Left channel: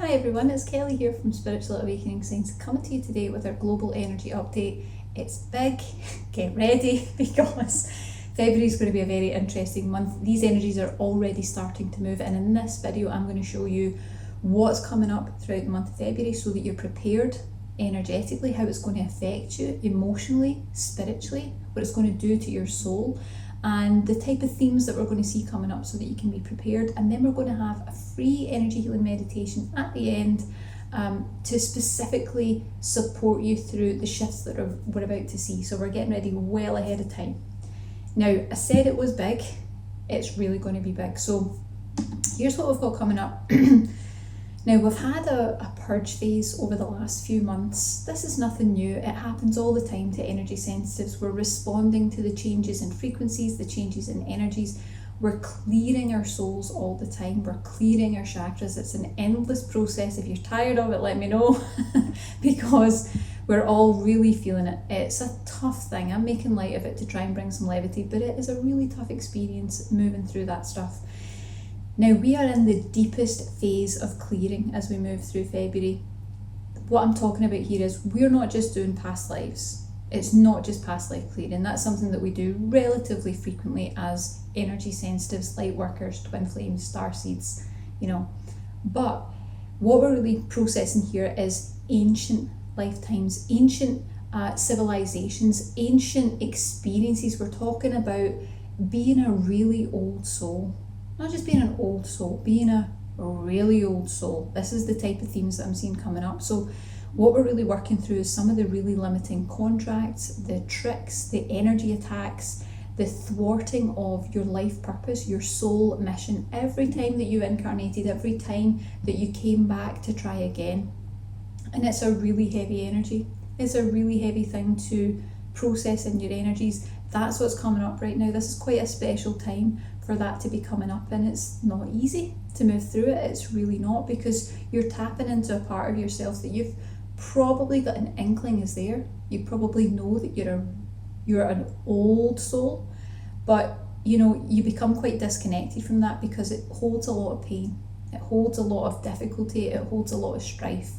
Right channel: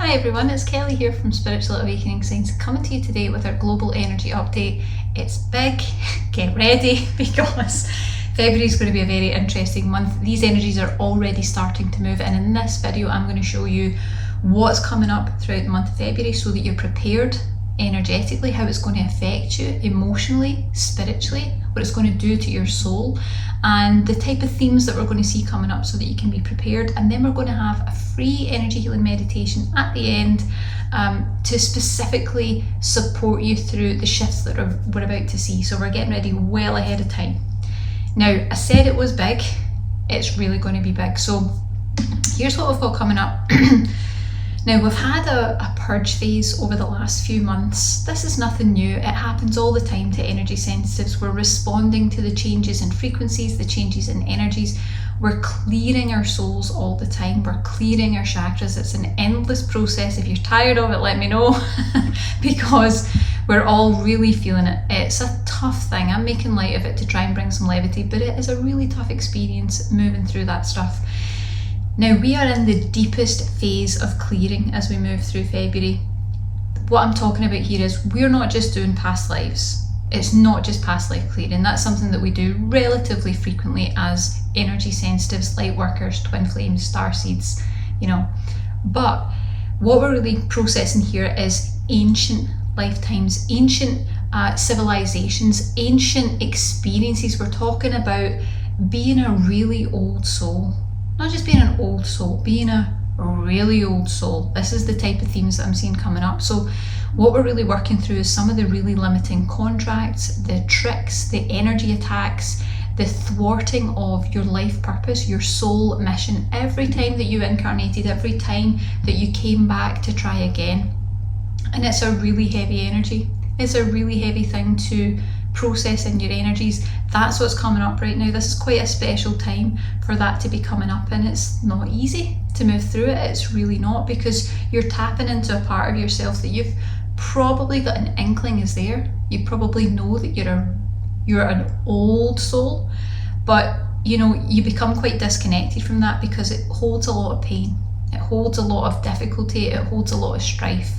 Hi everyone, it's Kelly here from Spiritual Awakening Signs, coming to you today with our global energy update. It's big, get ready, because February is going to be a very interesting month. These energies are already starting to move, and in this video I'm going to show you what's coming up throughout the month of February so that you're prepared energetically, how it's going to affect you emotionally, spiritually, what it's going to do to your soul, and the type of themes that we're going to see coming up so that you can be prepared. And then we're going to have a free energy healing meditation at the end to specifically support you through the shifts that we're about to see. So we're getting ready well ahead of time. Now, I said it was big, it's really going to be big. So here's what we've got coming up. Now, we've had a purge phase over the last few months. This is nothing new. It happens all the time to energy sensitives. We're responding to the changes in frequencies, the changes in energies. We're clearing our souls all the time. We're clearing our chakras. It's an endless process. If you're tired of it, let me know, because we're all really feeling it. It's a tough thing. I'm making light of it to try and bring some levity, but it is a really tough experience moving through that stuff. Now, we are in the deepest phase of clearing as we move through February. What I'm talking about here is we're not just doing past lives. It's not just past life clearing. That's something that we do relatively frequently as energy sensitives, light workers, twin flames, star seeds, But what we're really processing here is ancient lifetimes, ancient civilizations, ancient experiences. We're talking about being a really old soul. Not just being an old soul, being a really old soul. This is the type of themes that I'm seeing coming up. So what we're really working through is some of the really limiting contracts, the tricks, the energy attacks, the thwarting of your life purpose, your soul mission. Every time that you incarnated, every time that you came back to try again. And it's a really heavy energy. It's a really heavy thing to process in your energies. That's what's coming up right now. This is quite a special time for that to be coming up, and it's not easy to move through it. It's really not, because you're tapping into a part of yourself that you've probably got an inkling is there. You probably know that you're an old soul, but you become quite disconnected from that because it holds a lot of pain. It holds a lot of difficulty. It holds a lot of strife,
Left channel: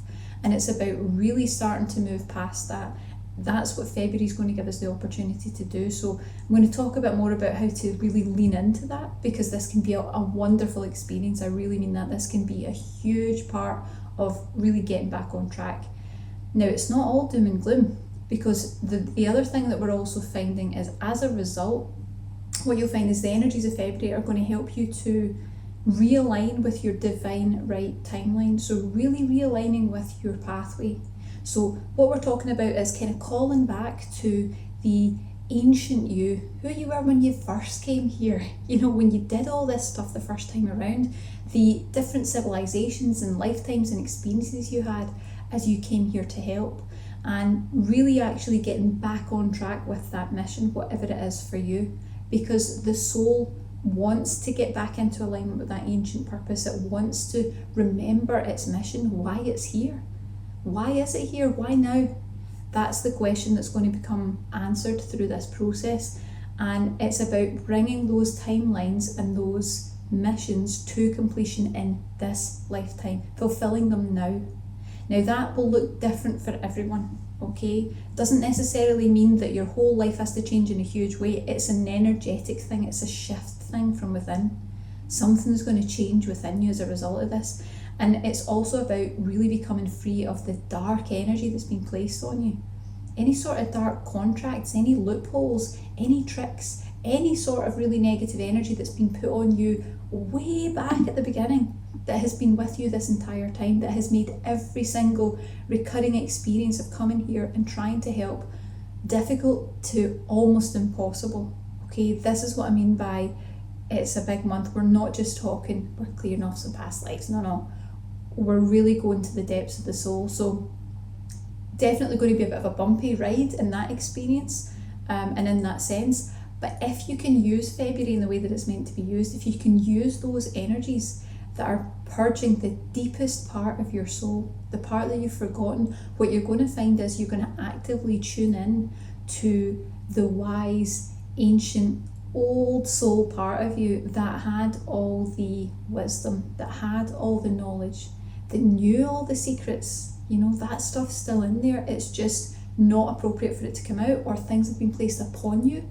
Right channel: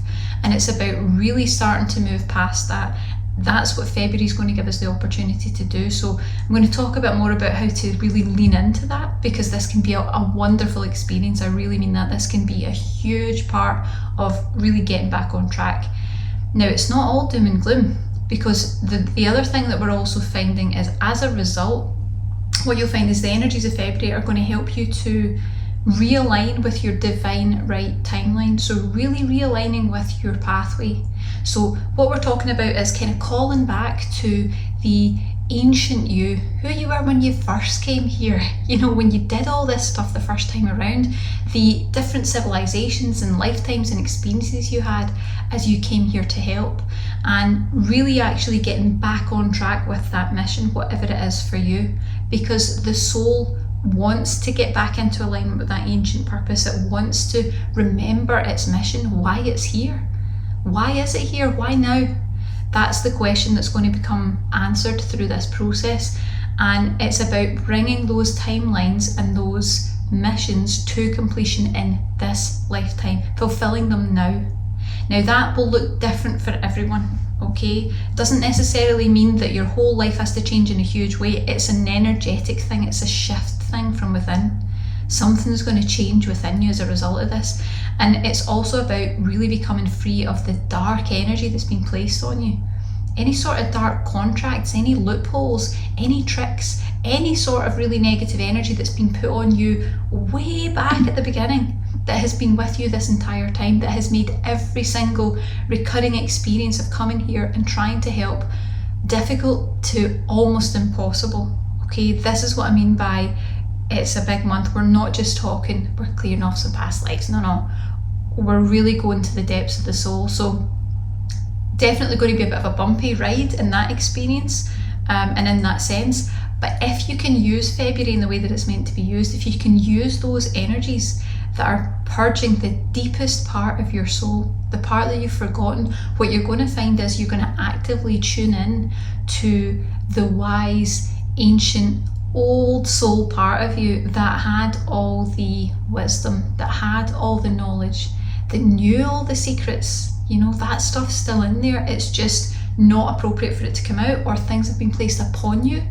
and it's about really starting to move past that. That's what February is going to give us the opportunity to do. So I'm going to talk a bit more about how to really lean into that, because this can be a wonderful experience. I really mean that. This can be a huge part of really getting back on track. Now, it's not all doom and gloom, because the other thing that we're also finding is, as a result, what you'll find is the energies of February are going to help you to realign with your divine right timeline. So really realigning with your pathway. So what we're talking about is kind of calling back to the ancient you, who you were when you first came here, when you did all this stuff the first time around, the different civilizations and lifetimes and experiences you had as you came here to help, and really actually getting back on track with that mission, whatever it is for you, because the soul wants to get back into alignment with that ancient purpose. It wants to remember its mission, why it's here. Why is it here? Why now? That's the question that's going to become answered through this process. And it's about bringing those timelines and those missions to completion in this lifetime, fulfilling them now. Now, that will look different for everyone, okay? Doesn't necessarily mean that your whole life has to change in a huge way. It's an energetic thing. It's a shift thing from within. Something's going to change within you as a result of this. And it's also about really becoming free of the dark energy that's been placed on you. Any sort of dark contracts, any loopholes, any tricks, any sort of really negative energy that's been put on you way back at the beginning, that has been with you this entire time, that has made every single recurring experience of coming here and trying to help difficult to almost impossible. Okay, this is what I mean by it's a big month. We're not just talking, we're clearing off some past lives. No. We're really going to the depths of the soul. So definitely going to be a bit of a bumpy ride in that experience and in that sense. But if you can use February in the way that it's meant to be used, if you can use those energies that are purging the deepest part of your soul, the part that you've forgotten, what you're going to find is you're going to actively tune in to the wise, ancient, old soul part of you that had all the wisdom, that had all the knowledge, that knew all the secrets. You know, that stuff's still in there. It's just not appropriate for it to come out, or things have been placed upon you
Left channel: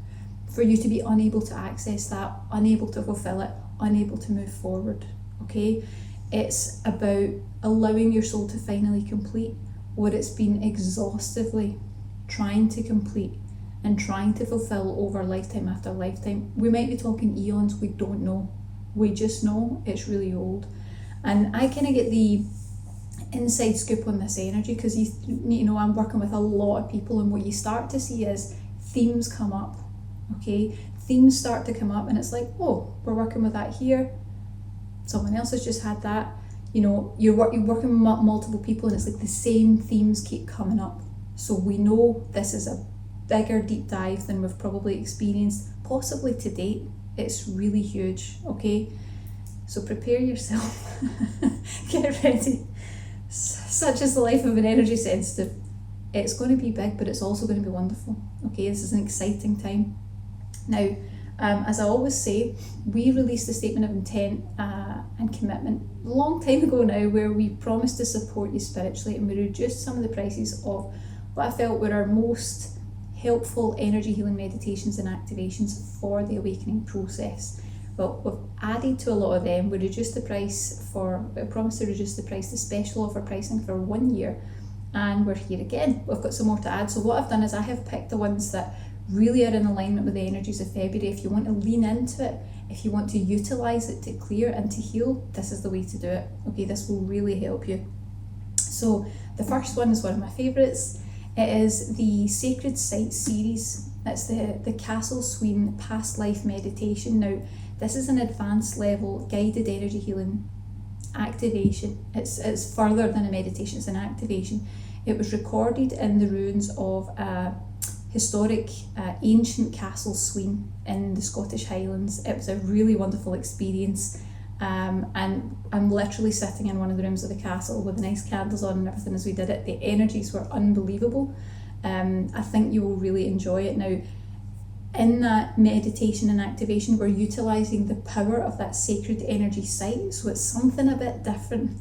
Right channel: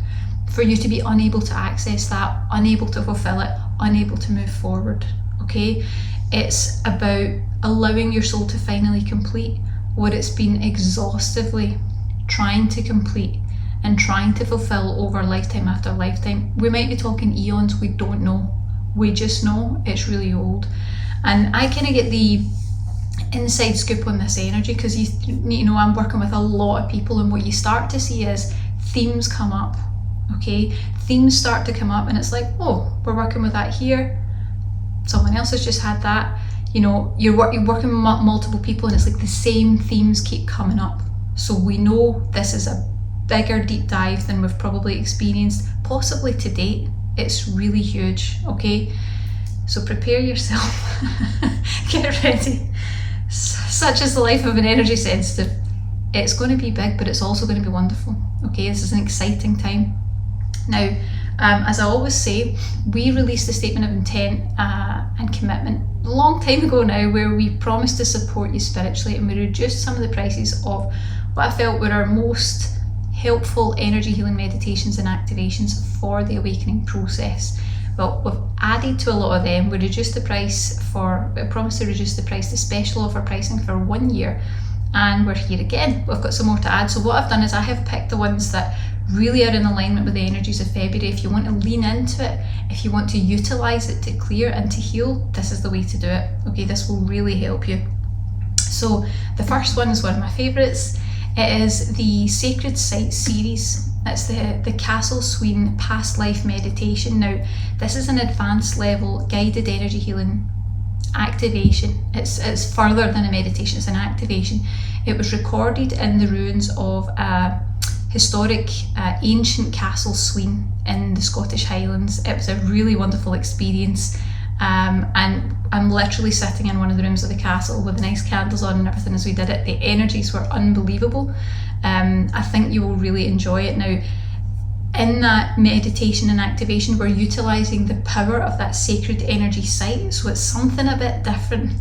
for you to be unable to access that, unable to fulfill it, unable to move forward. Okay, it's about allowing your soul to finally complete what it's been exhaustively trying to complete and trying to fulfill over lifetime after lifetime. We might be talking eons, we don't know. We just know it's really old. And I kind of get the inside scoop on this energy because you know, I'm working with a lot of people, and what you start to see is themes come up. Okay, themes start to come up, and it's like, oh, we're working with that here, someone else has just had that. You know, you're working with multiple people, and it's like the same themes keep coming up. So we know this is a bigger deep dive than we've probably experienced possibly to date. It's really huge. Okay, so prepare yourself. Get ready. Such is the life of an energy sensitive. It's going to be big, but it's also going to be wonderful. Okay, this is an exciting time. Now, as I always say, we released a statement of intent and commitment a long time ago now, where we promised to support you spiritually, and we reduced some of the prices of what I felt were our most helpful energy healing meditations and activations for the awakening process. Well, we've added to a lot of them. We reduced the price we promised to reduce the price, the special offer pricing for 1 year, and we're here again. We've got some more to add. So what I've done is I have picked the ones that really are in alignment with the energies of February. If you want to lean into it, if you want to utilize it to clear and to heal, this is the way to do it. Okay, this will really help you. So the first one is one of my favorites. It is the Sacred Sites series. It's the Castle Sween Past Life Meditation. Now, this is an advanced level guided energy healing activation. It's further than a meditation, it's an activation. It was recorded in the ruins of a historic ancient castle Sween in the Scottish Highlands. It was a really wonderful experience, and I'm literally sitting in one of the rooms of the castle with the nice candles on and everything as we did it. The energies were unbelievable. I think you will really enjoy it. Now, in that meditation and activation, we're utilising the power of that sacred energy site, so it's something a bit different,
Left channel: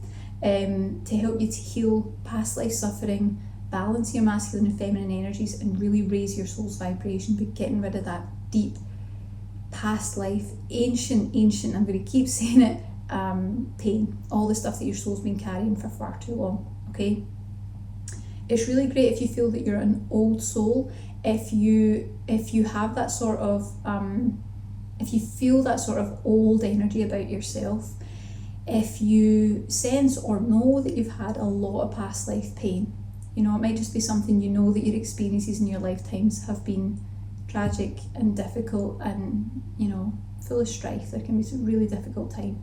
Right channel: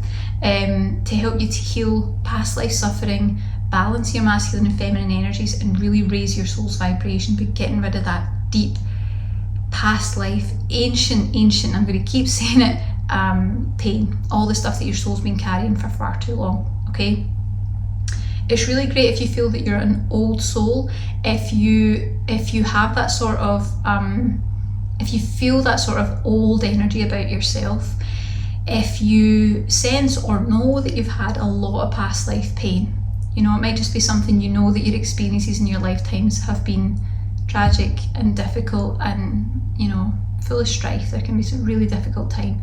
to help you to heal past life suffering, balance your masculine and feminine energies, and really raise your soul's vibration by getting rid of that deep past life, ancient, I'm going to keep saying it, pain, all the stuff that your soul's been carrying for far too long. Okay, it's really great if you feel that you're an old soul, if you have that sort of if you feel that sort of old energy about yourself, if you sense or know that you've had a lot of past life pain. You know, it might just be something, you know, that your experiences in your lifetimes have been tragic and difficult and, you know, full of strife. There can be some really difficult time.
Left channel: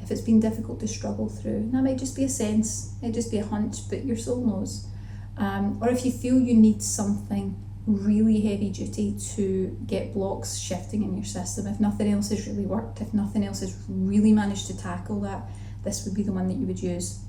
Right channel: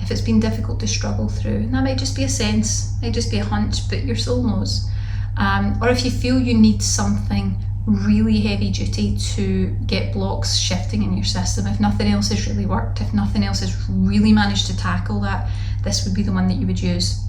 If it's been difficult to struggle through, and that might just be a sense, might just be a hunch, but your soul knows. Or if you feel you need something really heavy duty to get blocks shifting in your system, if nothing else has really worked, if nothing else has really managed to tackle that, this would be the one that you would use.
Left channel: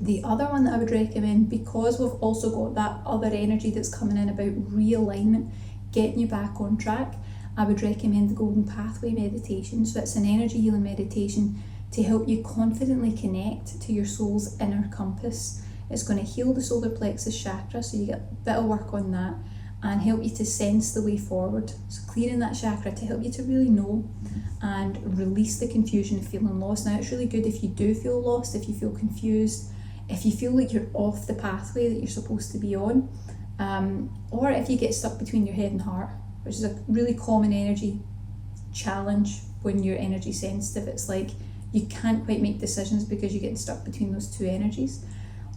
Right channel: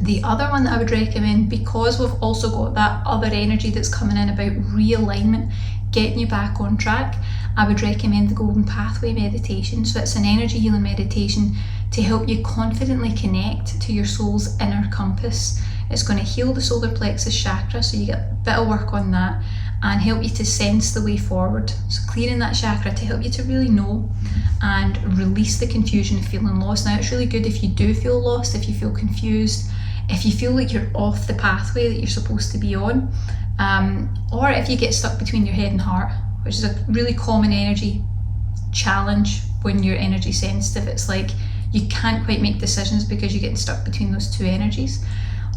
The other one that I would recommend, because we've also got that other energy that's coming in about realignment, getting you back on track, I would recommend the Golden Pathway meditation. So it's an energy healing meditation to help you confidently connect to your soul's inner compass. It's going to heal the solar plexus chakra, so you get a bit of work on that, and help you to sense the way forward. So clearing that chakra to help you to really know and release the confusion of feeling lost. Now, it's really good if you do feel lost, if you feel confused, if you feel like you're off the pathway that you're supposed to be on, or if you get stuck between your head and heart, which is a really common energy challenge when you're energy sensitive. It's like you can't quite make decisions because you're getting stuck between those two energies.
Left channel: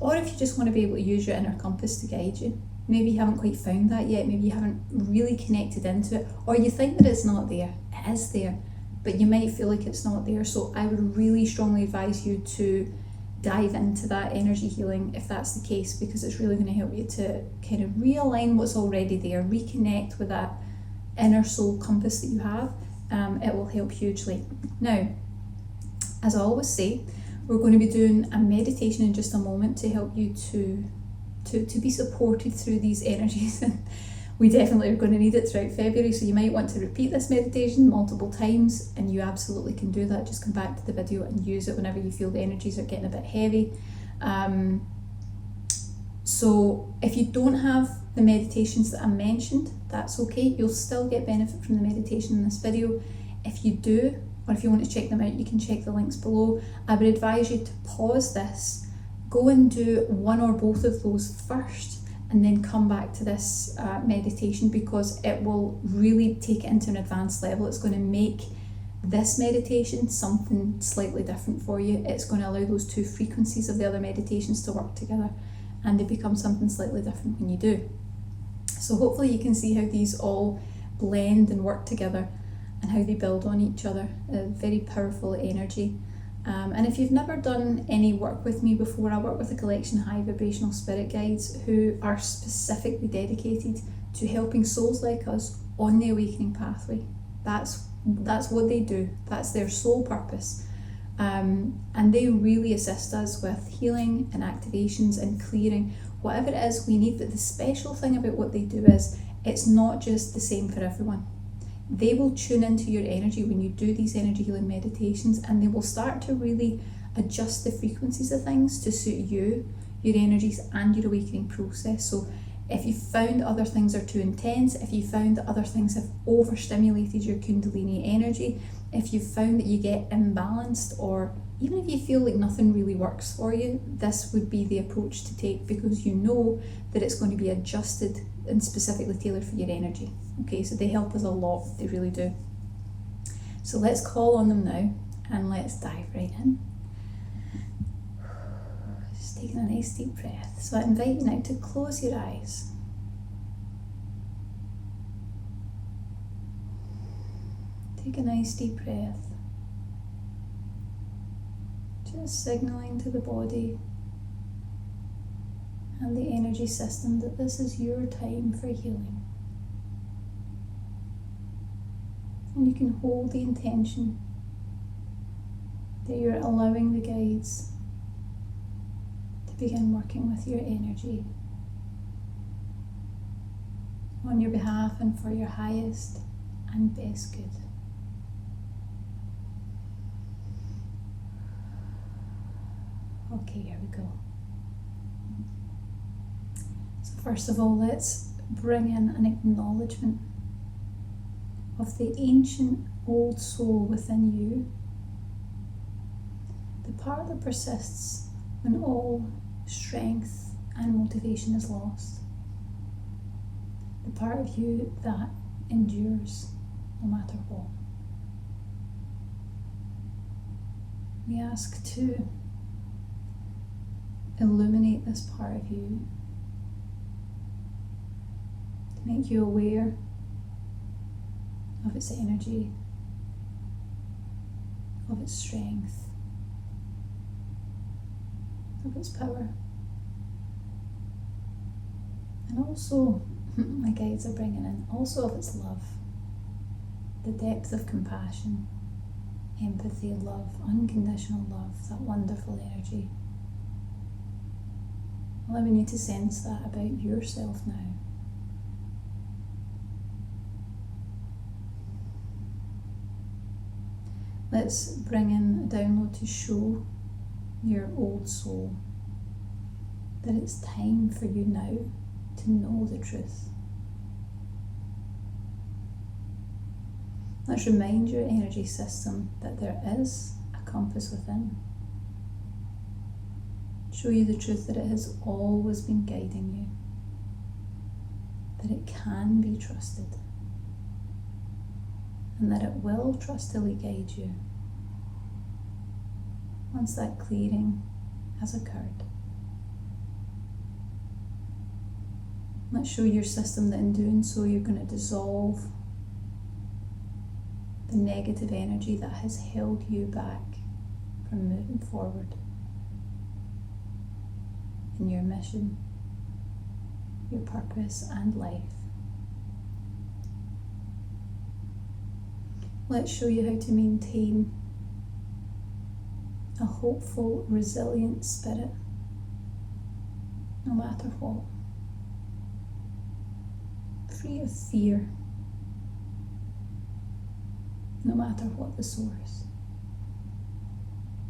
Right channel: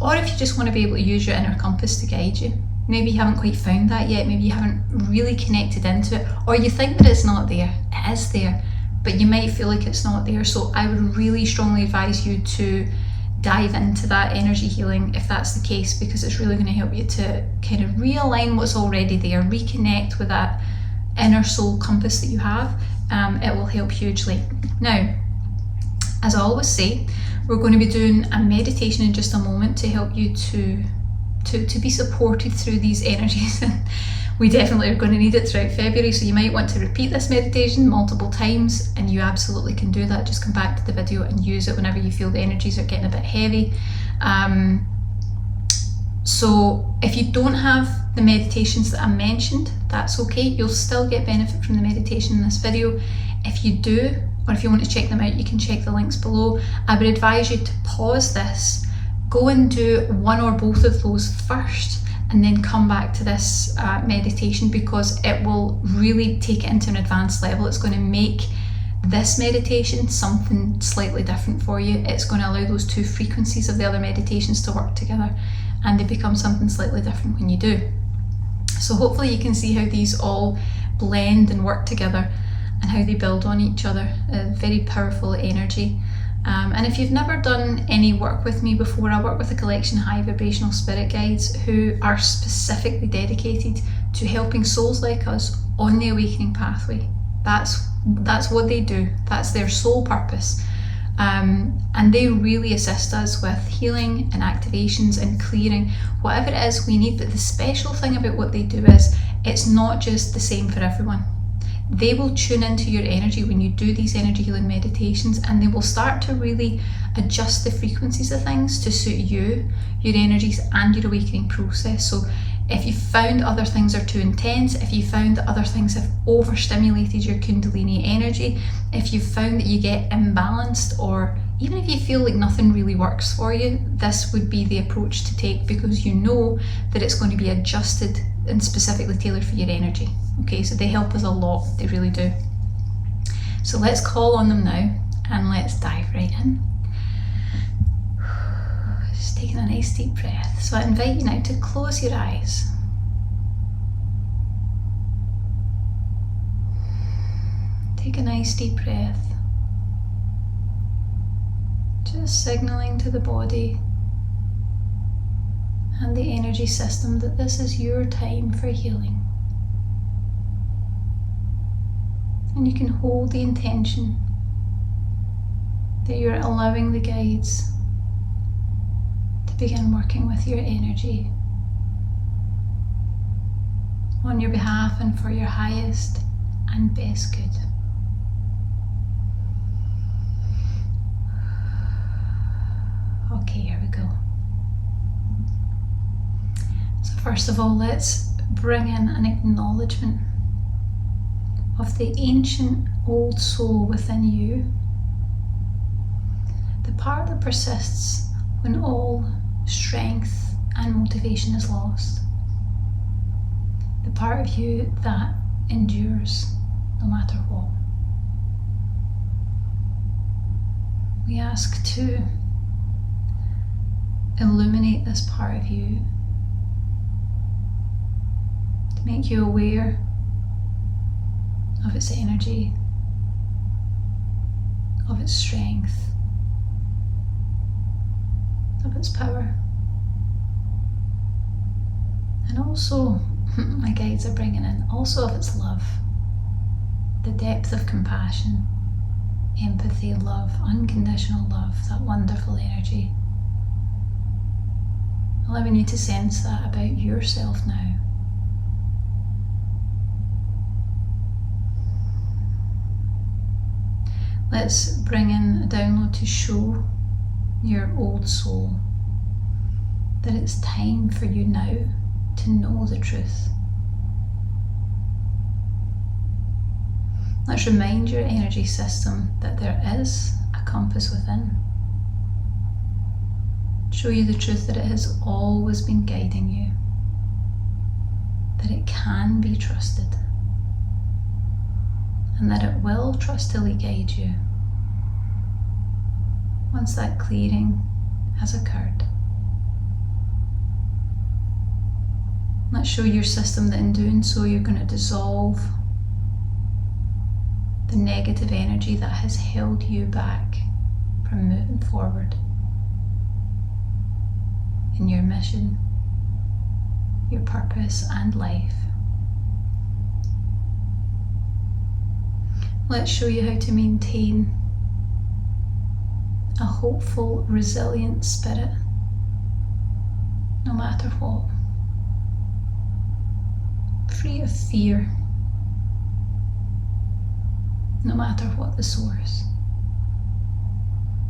Or if you just want to be able to use your inner compass to guide you. Maybe you haven't quite found that yet, maybe you haven't really connected into it, or you think that it's not there. It is there, but you might feel like it's not there. So I would really strongly advise you to dive into that energy healing if that's the case, because it's really going to help you to kind of realign what's already there, reconnect with that inner soul compass that you have. It will help hugely. Now, as I always say, we're going to be doing a meditation in just a moment to help you to be supported through these energies. we definitely are going to need it throughout February, so you might want to repeat this meditation multiple times, and you absolutely can do that. Just come back to the video and use it whenever you feel the energies are getting a bit heavy. So if you don't have the meditations that I mentioned, that's okay. You'll still get benefit from the meditation in this video. If you do, or if you want to check them out, you can check the links below. I would advise you to pause this, go and do one or both of those first, and then come back to this meditation, because it will really take it into an advanced level. It's going to make this meditation something slightly different for you. It's going to allow those two frequencies of the other meditations to work together, and they become something slightly different when you do. So hopefully you can see how these all blend and work together and how they build on each other. A very powerful energy. And if you've never done any work with me before, I work with a collection of high vibrational spirit guides who are specifically dedicated to helping souls like us on the awakening pathway. That's what they do. That's their sole purpose. And they really assist us with healing and activations and clearing whatever it is we need. But the special thing about what they do is it's not just the same for everyone. They will tune into your energy when you do these energy healing meditations, and they will start to really adjust the frequencies of things to suit you, your energies, and your awakening process. So if you found other things are too intense, if you found that other things have overstimulated your Kundalini energy, if you found that you get imbalanced, or even if you feel like nothing really works for you, this would be the approach to take, because you know that it's going to be adjusted and specifically tailored for your energy. Okay, so they help us a lot, they really do. So let's call on them now, and let's dive right in. Just taking a nice deep breath. So I invite you now to close your eyes. Take a nice deep breath. Just signaling to the body and the energy system that this is your time for healing. And you can hold the intention that you're allowing the guides to begin working with your energy on your behalf and for your highest and best good. Okay, here we go. So first of all, let's bring in an acknowledgement of the ancient old soul within you, the part that persists when all strength and motivation is lost, the part of you that endures no matter what. We ask to illuminate this part of you, to make you aware of its energy, of its strength, of its power. And also, my guides are bringing in, also of its love, the depth of compassion, empathy, love, unconditional love, that wonderful energy. Allowing you to sense that about yourself now. Let's bring in a download to show your old soul that it's time for you now to know the truth. Let's remind your energy system that there is a compass within. Show you the truth that it has always been guiding you, that it can be trusted, and that it will trustily guide you once that clearing has occurred. Let's show your system that in doing so you're going to dissolve the negative energy that has held you back from moving forward in your mission, your purpose and life. Let's show you how to maintain a hopeful, resilient spirit, no matter what. free of fear, no matter what the source.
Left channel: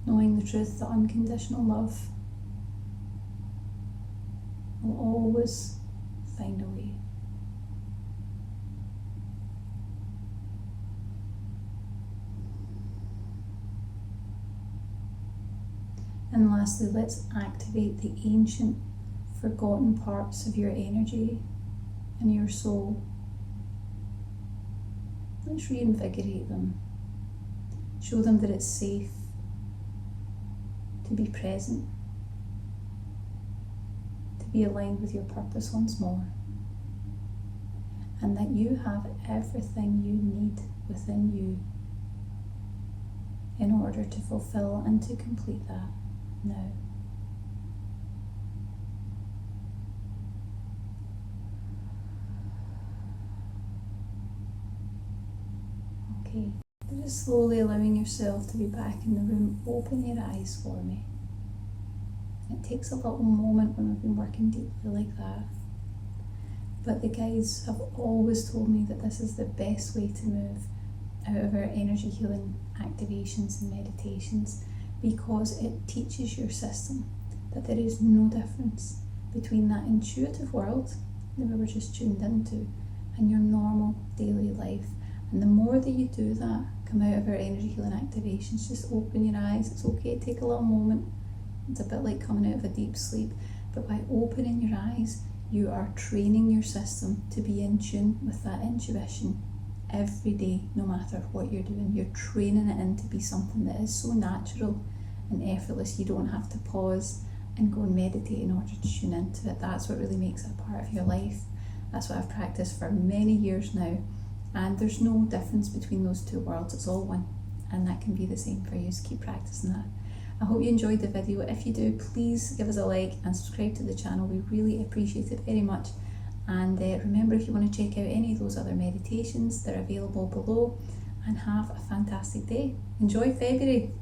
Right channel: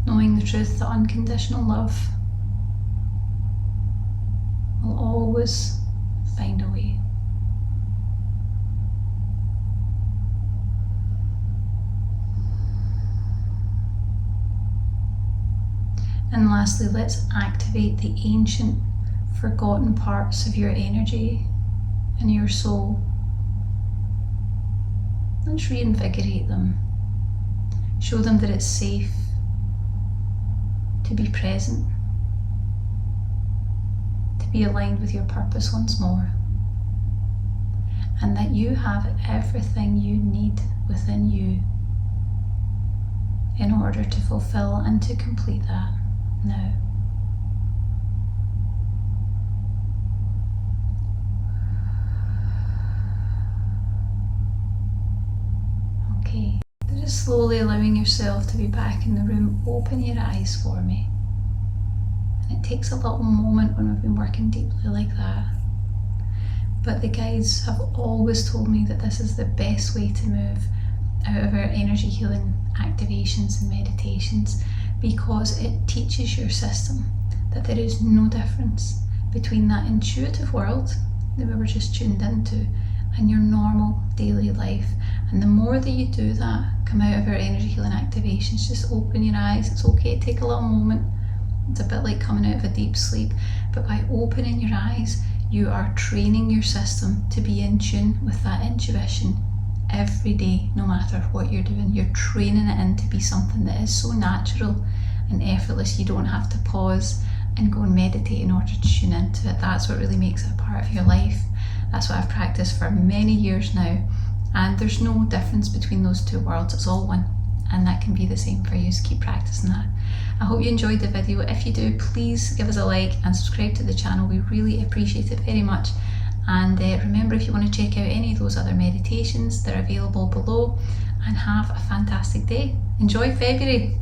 Knowing the truth that unconditional love will always find a way. And lastly, let's activate the ancient, forgotten parts of your energy and your soul. Let's reinvigorate them. Show them that it's safe to be present, to be aligned with your purpose once more, and that you have everything you need within you in order to fulfill and to complete that now. Okay, just slowly allowing yourself to be back in the room. Open your eyes for me. And it takes a little moment when we've been working deeply like that. But the guides have always told me that this is the best way to move out of our energy healing activations and meditations, because it teaches your system that there is no difference between that intuitive world that we were just tuned into and your normal daily life. And the more that you do that, come out of our energy healing activations, just open your eyes. It's okay to take a little moment. It's a bit like coming out of a deep sleep, but by opening your eyes, you are training your system to be in tune with that intuition every day, no matter what you're doing. You're training it in to be something that is so natural and effortless. You don't have to pause and go and meditate in order to tune into it. That's what really makes it a part of your life. That's what I've practiced for many years now, and there's no difference between those two worlds. It's all one, and that can be the same for you, so keep practicing that. I hope you enjoyed the video. If you do, please give us a like and subscribe to the channel. We really appreciate it very much. And remember, if you want to check out any of those other meditations, they're available below. And have a fantastic day. Enjoy February.